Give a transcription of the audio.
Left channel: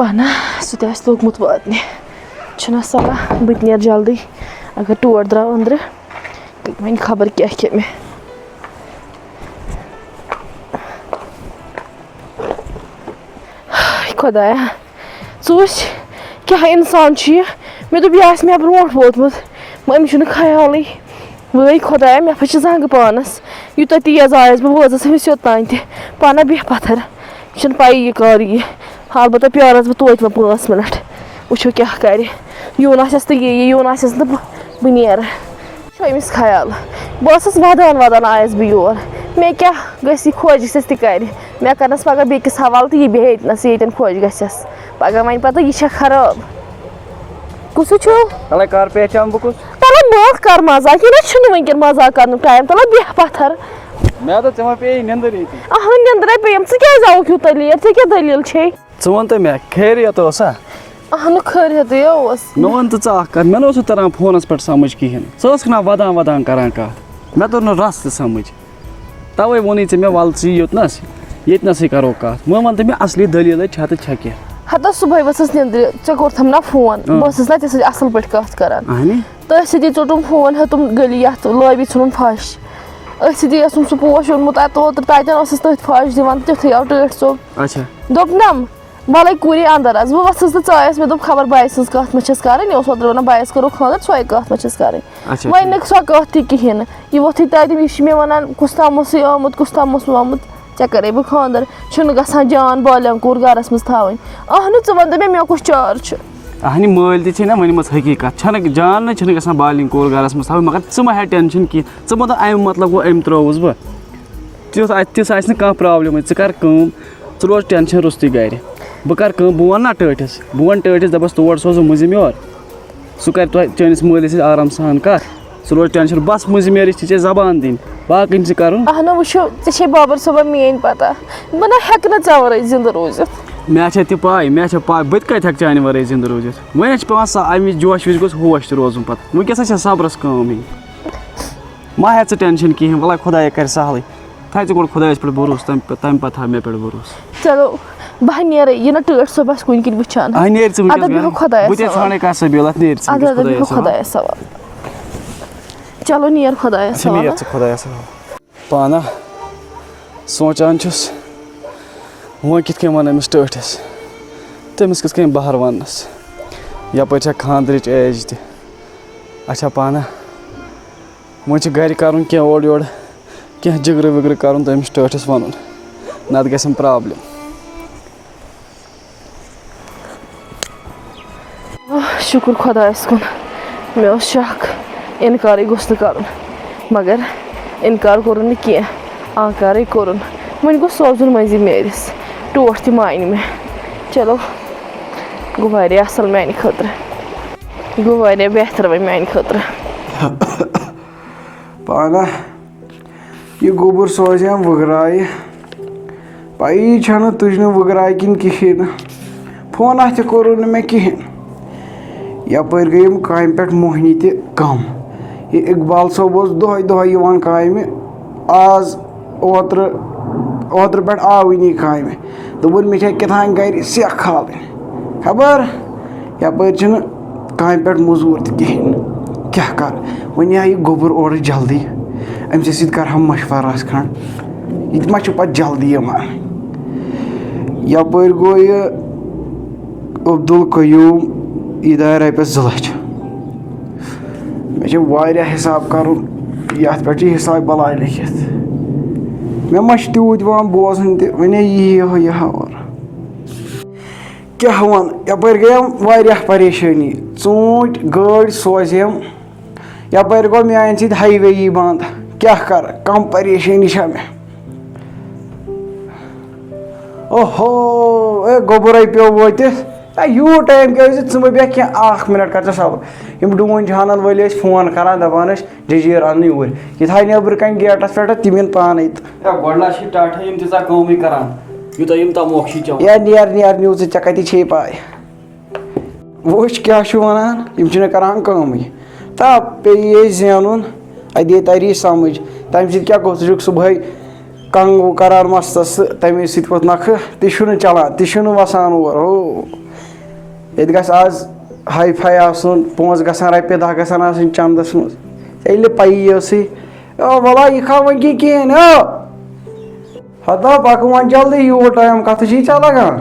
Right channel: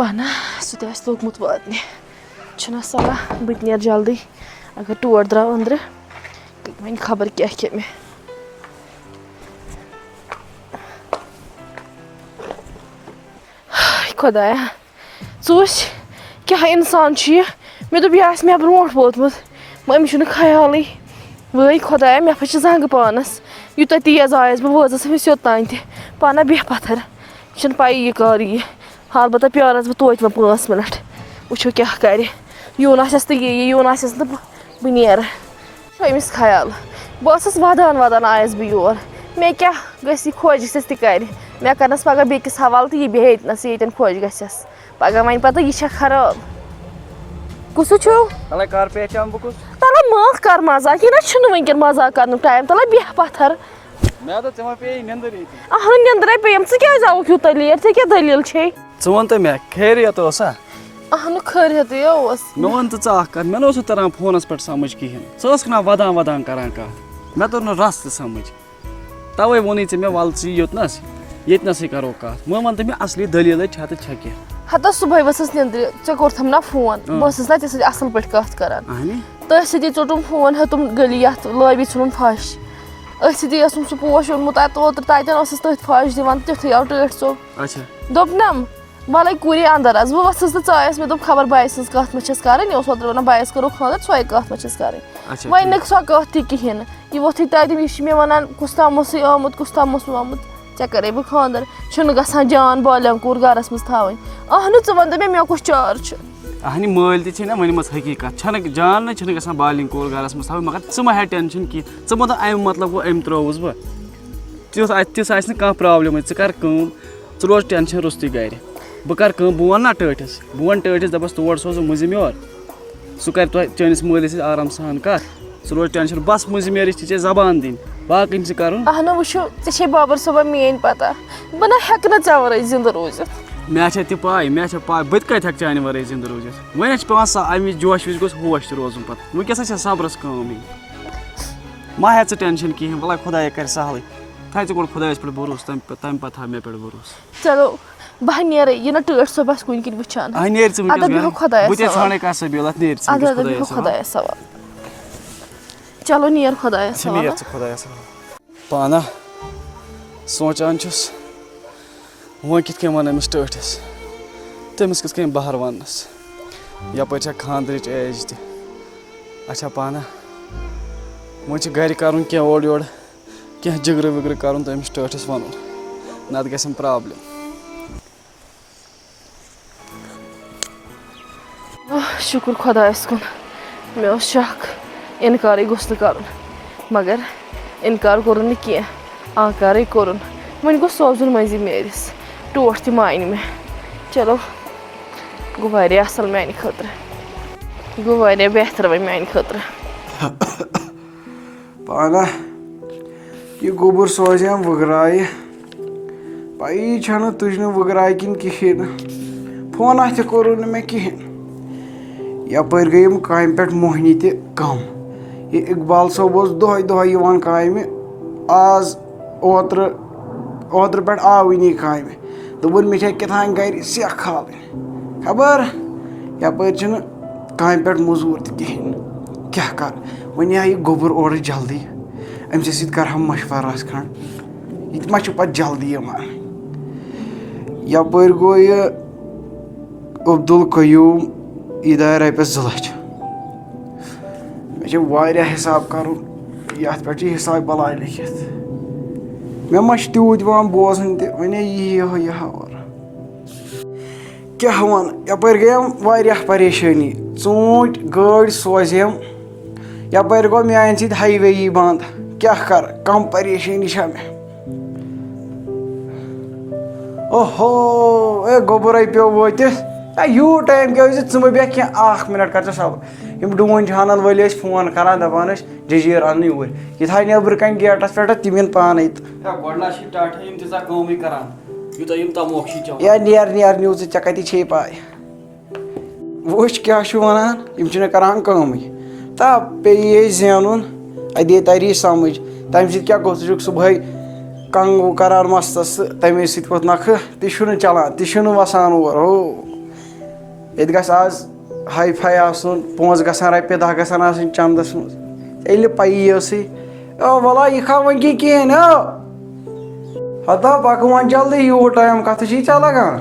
پانا سُہ تہِ آسہِ لوٚگمُت واتنہِ چھُنہ سَلا بہٕ تہِ نیرٕ جلدی اگر ٹور درٛاو أنٛدرٕ وۄنۍ خبر کیٛاہ کھے مےٚ خۄدایا ژٕ وٕچھ کیٛاہ اِنسان چھُ یہِ مےٚ دوٚپ یہِ آسہِ مےٚ برونٛٹھ ووتمُت مگر أمِس چھُنہٕ خیالٕے وٲے خۄدایا مےٚ پھچہِ زنٛگہٕ پانَس یوٗتاہ تیز آیَس بہٕ وٲژٕس أمِس یوٚتانۍ تہِ پانا بیٚہہ پَتھر مےٚ چھُنہٕ پَیی یہِ کر یی البتہ پیارَس بہٕ توتہِ وۄنۍ 5 مِنٹ وٕچھو کیٛاہ کَرِ یُن آسٮ۪س تہٕ یی یُن آسٮ۪س تہٕ بہٕ نیرٕ چھُ أمِس خیال بہٕ ٲسٕس وَدان آیَس بہٕ یور مےٚ کیٛاہ گژھِ یہِ خۄش گژھٮ۪س تہِ کَرِ مےٚ کَرنَس پگاہ بیٚکِس حوالہٕ تہٕ یہِ بیٚہہِ ییٚتنَس ییٚتٮ۪ن خۄش گژھٮ۪س پگاہ وَنہِ پَتہٕ یہِ چھےٚ خراب کُس چھُ تَلے بہٕ کَر مزاق یہِ نہ چھُنہٕ وٕنکٮ۪ن مزاق کَرنُک ٹایم تَلے بیٚہہ پَتھر اہا نیٚنٛدرے پیٚیَم ژٕ کیٛازِ آوُکھ یوٗتاہ لیٹ ژےٚ کیٛاہ دٔلیٖل چھے ژٕ وَن تہٕ مےٚ خیریت اوسا اہنُہ خٲریتٕے اوس مےٚ وَن تہٕ ژٕ اکھ کَتھ مےٚ نہ اوسُے تران فونَس پٮ۪ٹھ سَمٕجھ کِہیٖنۍ ژٕ ٲسکھ نا وَدان کَران کَتھ مےٚ توٚر نہٕ رَس تہِ سَمٕجھ تَوَے ووٚنُے ژےٚ مےٚ وَلہٕ ژٕ یہِ یوٚتنَس ییٚتنَسٕے کَرو کَتھ وۄنۍ وَن تہٕ مےٚ اَصلی دٔلیٖلٕے چھےٚ تہٕ چھےٚ کیٚنٛہہ ہتا صُبحٲے ؤژھٕس نیٚنٛدرِ ژےٚ کوٚرتھَم نا فون بہٕ ٲسٕس نا ژےٚ سۭتۍ اَصٕل پٲٹھۍ کَتھ کَران تٔتھۍ سۭتی ژوٚٹُم فون ہیوٚتُم گٔلی یَتھ لٲبی ژھٕنُن پھَش أتھۍ سۭتی اوسُم سُہ پوش اوٚنمُت اوترٕ تَتٮ۪ن ٲسٕس تٔتھۍ پھَش دِوان تیُتھُے آو ٹٲٹھۍ ژوٚپ دوٚپنَم وَلَے کوٗری اَنٛدر اَژ بہٕ ؤژھٕس تہٕ ژایَس مےٚ دوٚپ خبر بایَس سٕنٛز کَتھ مہ چھَس کَرٕنۍ یہِ اوس اوترٕ وَنان بایَس کَرو خاندر سۄے کَتھ مہ چھَس کَرٕنۍ وۄنۍ نہٕ سۄ کَتھ تہِ کِہیٖنۍ نہٕ یہِ ووٚتھُے تَتٮ۪ن یہِ چھِ مےٚ وَنان کُس تام اوسُے آمُت کُس تام اوسُے آمُت ژےٚ کَرے بہٕ خاندر چھُنہٕ گژھان جان بالٮ۪ن کوٗر گَرَس منٛز تھاوٕنۍ اہنُہ ژٕ وَن تہٕ مےٚ کُس چار چھُ اہنہِ مٲلۍ تہِ چھے نا ؤنمٕژ حقیٖقت چھَنہٕ جان نہ چھِنہٕ گژھان بالٮ۪ن کوٗر گَرَس منٛز تھاوٕنۍ مگر ژٕ مہ ہےٚ ٹٮ۪نشَن کینٛہہ ژٕ مہ دَپ اَمہِ مطلب گوٚو أمۍ ترٛووُس بہٕ تِژھ آسہِ نہٕ کانٛہہ پرٛابلِمٕے ژٕ کَر کٲم ژٕ روز ٹٮ۪نشَن روٚستُے گَرِ بہٕ کَرٕ کٲم بہٕ وَنہٕ نا ٹٲٹھِس بہٕ وَنہٕ ٹٲٹھِس دَپَس تور سوزو مٔنٛزِم یور سُہ کَرِ تۄہہِ چٲنِس مٲلِس سۭتۍ آرام سان کَتھ ژٕ روز ٹٮ۪نشَن بَس مٔنٛزِم یٲرِس چھِ ژےٚ زبان دِنۍ باقٕے چھِ کَرُن اہنُہ وٕچھو ژےٚ چھے بابر صٲبن میٛٲنۍ پَتہ بہٕ نہ ہٮ۪کہٕ نہٕ ژےٚ وَرٲے زِندٕ روٗزِتھ مےٚ چھےٚ تہِ پاے بہٕ تہِ کَتہِ ہٮ۪کہٕ چانہِ وَرٲے زِندٕ روٗزِتھ وۄنۍ چھِ پٮ۪وان اَمہِ وِزِ جوش وِزِ گوٚژھ ہوش تہِ روزُن پَتہٕ وٕنکٮ۪س چھےٚ صبرَس کٲم یِنۍ مہ ہےٚ ژٕ ٹٮ۪نشَن کِہیٖنۍ وَلے خۄدایا کَرِ سہلٕے تھاو ژٕ گۄڈٕ خۄدایَس پٮ۪ٹھ بروسہٕ تَمہِ پَتہٕ تھاو مےٚ پٮ۪ٹھ بروسہٕ چلو بہٕ نیرے یہِ نہ ٹٲٹھ صٲب آسہِ کُنہِ کِنۍ وٕچھان خۄدایَس حوالہٕ چلو نیر خۄدایَس پانا سونٛچان چھُس وۄنۍ کِتھ کٔنۍ وَنہٕ أمِس ٹٲٹھِس تٔمِس کِتھ کٔنۍ بہر وَننَس یَپٲرۍ چھےٚ خاندرٕچ ایج تہِ اچھا پانا وۄنۍ چھِ گَرِ کَرُن کینٛہہ اورٕ یورٕ کینٛہہ جِگرٕ وِگرٕ کَرُن تہٕ أمِس ٹٲٹھِس وَنُن نَتہٕ گژھٮ۪م پرٛابلِم شُکُر خۄدایَس کُن مےٚ اوس شَک اِنکارٕے گوٚژھ نہٕ کَرُن مگر اِنکار کوٚرُن نہٕ کینٛہہ آنکارٕے کوٚرُن وۄنۍ گوٚژھ سوزُن مٔنٛزِم یٲرِس ٹوٹھ تہِ مانہِ مےٚ چلو گوٚو واریاہ اَصٕل میٛانہِ خٲطرٕ گوٚو واریاہ بہتر وۄنۍ میٛانہِ خٲطرٕ پانا یہِ گوٚبُر سوزیم وٕگرایہِ پَیی چھَنہٕ تُجنہٕ وٕگراے کِنۍ کِہیٖنۍ نہٕ فونہ تہِ کوٚرُن نہٕ مےٚ کِہیٖنۍ یَپٲرۍ گٔیَم کامہِ پٮ۪ٹھ موہنی تہِ کَم یہِ اقبال صٲب اوس دۄہَے یِوان کامہِ آز اوترٕ پٮ۪ٹھ آوٕے نہٕ یہِ کامہِ دوٚپُن مےٚ چھےٚ کیٛاتھانۍ گَرِ سٮ۪کھ کھالٕنۍ خبر یَپٲرۍ چھِنہٕ کامہِ پٮ۪ٹھ موٚزوٗر تہِ کِہیٖنۍ کیٛاہ کَرٕ وۄنۍ یِہا یہِ گوٚبُر اورٕ جلدی أمۍ سٕے سۭتۍ کَرٕ ہا مشوَرٕ رَژھ کھنٛڈ یہِ تہِ ما چھُ پَتہٕ جلدی یِوان یَپٲرۍ گوٚو یہِ عبدالقیوٗم یہِ درٛاے رۄپیَس 2 لَچھ مےٚ چھِ واریاہ حِساب کَرُن یَتھ پٮ۪ٹھ چھِ حِسابہِ بلاے لیکھِتھ مےٚ ما چھِ تیوٗت یِوان بوزٕنۍ تہِ وَنے یی یہِ اور کیٛاہ وَنہٕ یَپٲرۍ گٔیَم واریاہ پریشٲنی ژوٗنٛٹھۍ گٲڑۍ سوزیم یَپٲرۍ گوٚو میٛانہِ سۭتۍ ہاے وے یی بنٛد کیٛاہ کَرٕ کَم پریشٲنی چھےٚ مےٚ اوہو اے گوٚبُرے پیوٚو وٲتِتھ یوٗت ٹایم کیٛازِ ژٕ مہٕ بیٚہہ کینٛہہ 1 مِنٹ کَر ژٕ صبر یِم ڈوٗنۍ چھانَن وٲلۍ ٲسۍ فون کَران دَپان ٲسۍ جٔجیٖر اَننہٕ یوٗرۍ یہِ تھاے نیٚبرٕ کَنۍ گیٹَس پٮ۪ٹھ تِم یِن پانَے تہٕ گۄڈٕ چھِ ٹاٹھا یِم تیٖژاہ کٲمٕے کَران یوٗتاہ یِم تَموکھ چھِ چٮ۪وان نیر نِوزٕ ژےٚ کَتہِ چھے پاے وٕچھ کیٛاہ چھُ وَنان یِم چھِنہٕ کَران کٲمٕے تا پیٚیہِ یے زینُن اَدے تَری سَمٕجھ تَمہِ سۭتۍ کیٛاہ گوٚو ژٕ چھُکھ صُبحٲے کنٛگ کَران مَستَس تہٕ تَمے سۭتۍ ووٚتھ نَکھٕ تہِ چھُنہٕ چَلان تہِ چھُنہٕ وَسان اور ہو ییٚتہِ گژھِ آز ہاے فاے آسُن پونٛسہٕ گژھان رۄپیہِ دَہ گژھان آسٕنۍ چَندَس منٛز ییٚلہِ نہٕ پَیی ٲسٕے وَلا یہِ کھا وٕنۍ کِہیٖنۍ ہتا پَکہٕ وۄنۍ جلدی یوٗت ٹایم کَتھٕ چھی ژےٚ لگان